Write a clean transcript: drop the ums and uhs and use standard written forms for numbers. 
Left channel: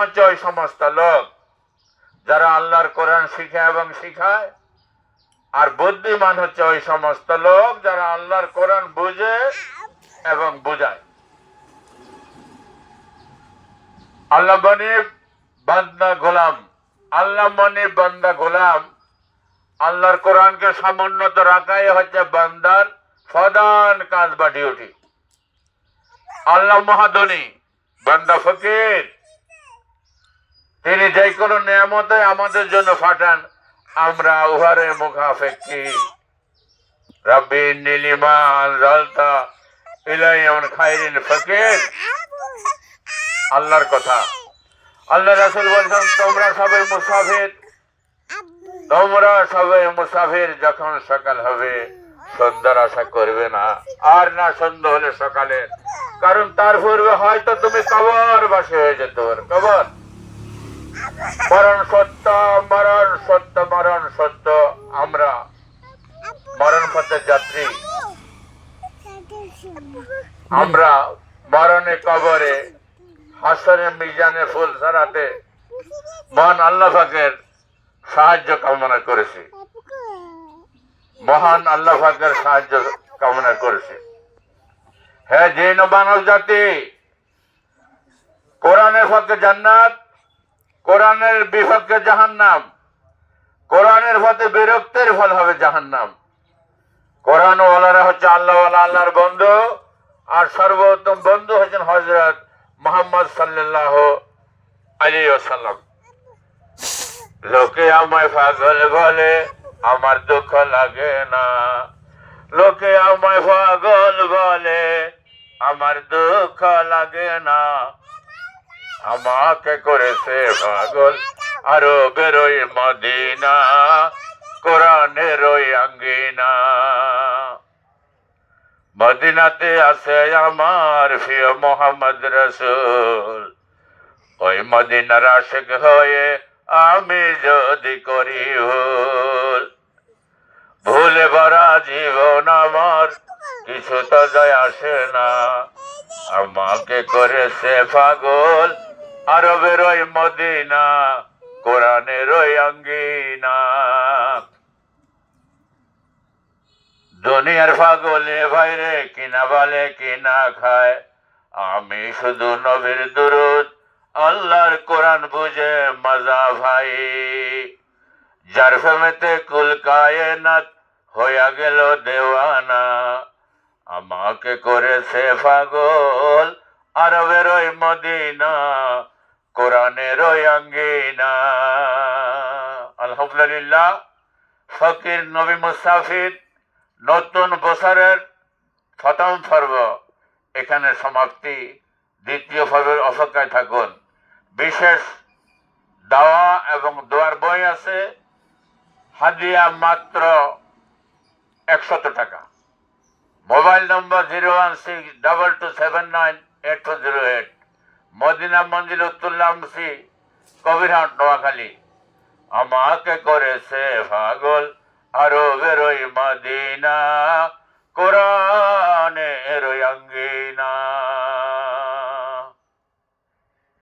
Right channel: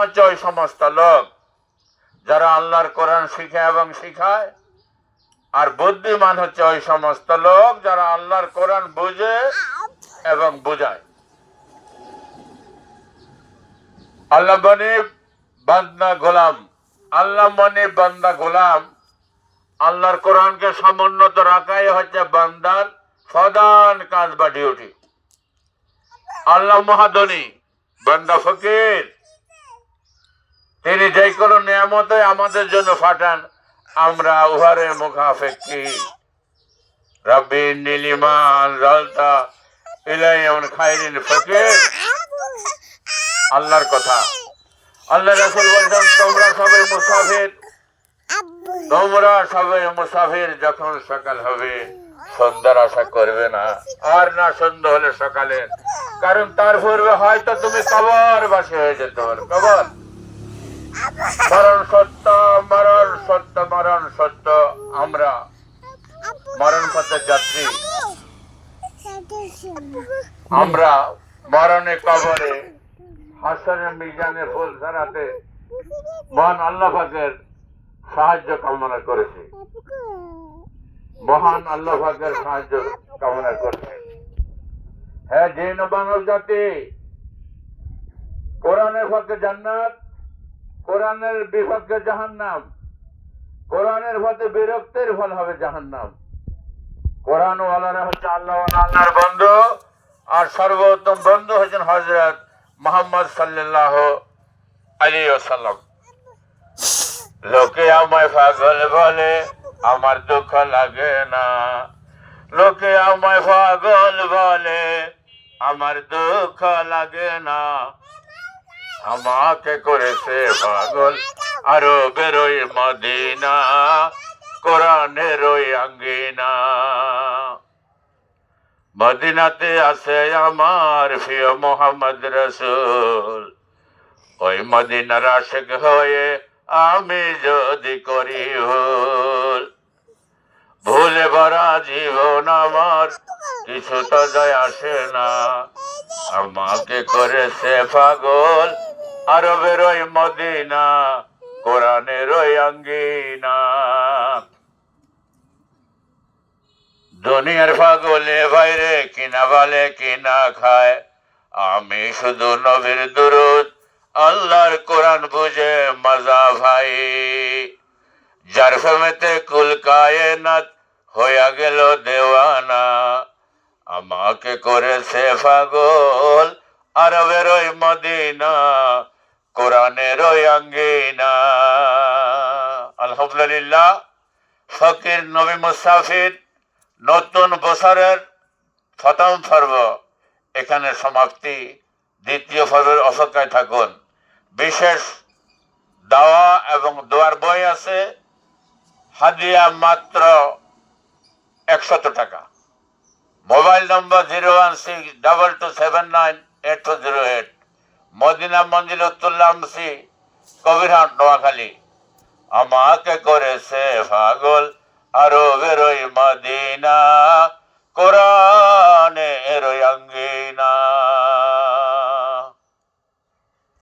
হচ্ছে ওই সমস্ত লোক যারা আল্লাহর কোরআন শিখে এবং শিখায়, আর বুদ্ধিমান হচ্ছে ওই সমস্ত লোক যারা আল্লাহর কোরআন বুঝে এবং বুঝায়। আল্লাহ মনে বান্দা গোলাম, আল্লাহ মনে বান্দা গোলাম। আল্লাহর কোরআনকে সমুন্নত রাখাই হচ্ছে বান্দার প্রধান কাজ বা ডিউটি। আল্লাহ মহাধনী, বান্দা ফকির। তিনি যে কোনো নিয়ামতে আমাদের জন্য পাঠান, আমরা উহারে মুখাপেক্ষী। রব্বি নীলিমা আনজালতা ইলাইয়া খায়রিন ফকির। আল্লাহর কথা। আল্লাহ রাসূল বলেন, তোমরা সবাই মুসাফির, তোমরা সবাই মুসাফির। যখন সকাল হবে সন্ধ্যার আশা করবে না, আর না সন্ধ্যা হলে সকালে, কারণ তার পূর্বে হয়তো তুমি কবর বাসী হয়ে যেতে পারো। কবর, মরণ সত্য, মরণ সত্য, মরণ সত্য। আমরা মরণ পথের যাত্রী। আমরা মরণে, কবরে, হাসরে, মিজানে ফুল ছড়াতে মহান আল্লাহ পাকের সাহায্য কামনা করেছি। মহান আল্লাহ পাকের সাহায্য কামনা করেছি। হ্যাঁ, জিন ও মানব জাতি, কোরআনের পক্ষে জান্নাত, কোরআনের বিপক্ষে জাহান্নাম। কোরআনের পথে বিরক্তির ফল হবে জাহান্নাম। কোরআন ওয়ালারা হচ্ছে আল্লাহ ওয়ালা, আল্লাহর বন্ধু, আর সর্বোত্তম বন্ধু হচ্ছেন হযরত মুহাম্মদ সাল্লাল্লাহু আলাইহি ওয়াসাল্লাম। লোকে আমায় পাগল বলে, আমার দুঃখ লাগে না। লোকে আমায় পাগল বলে, আমার দুঃখ লাগে না। আমাকে করেছে পাগল আরো বেরোই মদিনা, কোরআনের ওই আঙ্গিনা। মদিনাতে আছে আমার প্রিয় মোহাম্মদ রাসূল। ওই মদিনার আশিক হয়ে আমি যদি করি ভুল, ভুলে ভরা জীবন আমার কিছু তো যায় আসে না। আমাকে করেছে পাগল আরবের ওই মদিনা, কোরআনের ওই আঙ্গিনা। দুনিয়ার পাগলে বাইরে কিনা বলে কিনা খায়, আমি শুধু নবীর দুরূদ আল্লাহর কোরআন বুঝে মজা ভাই। যার প্রেমেতে কুল কায়নাত হইয়া গেল দেওয়ানা, আমাকে করেছে পাগল আরবের ওই মদিনা, কোরআনের ওই আঙ্গিনা। আলহামদুলিল্লাহ, ফকির নবী মুসাফির নতুন বছরের প্রথম পর্ব এখানে সমাপ্তি। দ্বিতীয় পর্বের অপেক্ষায় থাকুন। বিশেষ দাওয়া এবং দোয়ার বই আছে, হাদিয়া মাত্র 100 টাকা। মোবাইল নম্বর 01622798408। মদিনা মঞ্জিল উত্তরলা আমসি, কবিরহাট, নোয়াখালী। আমাকে করেছে পাগল আরো বেরোই মদিনা।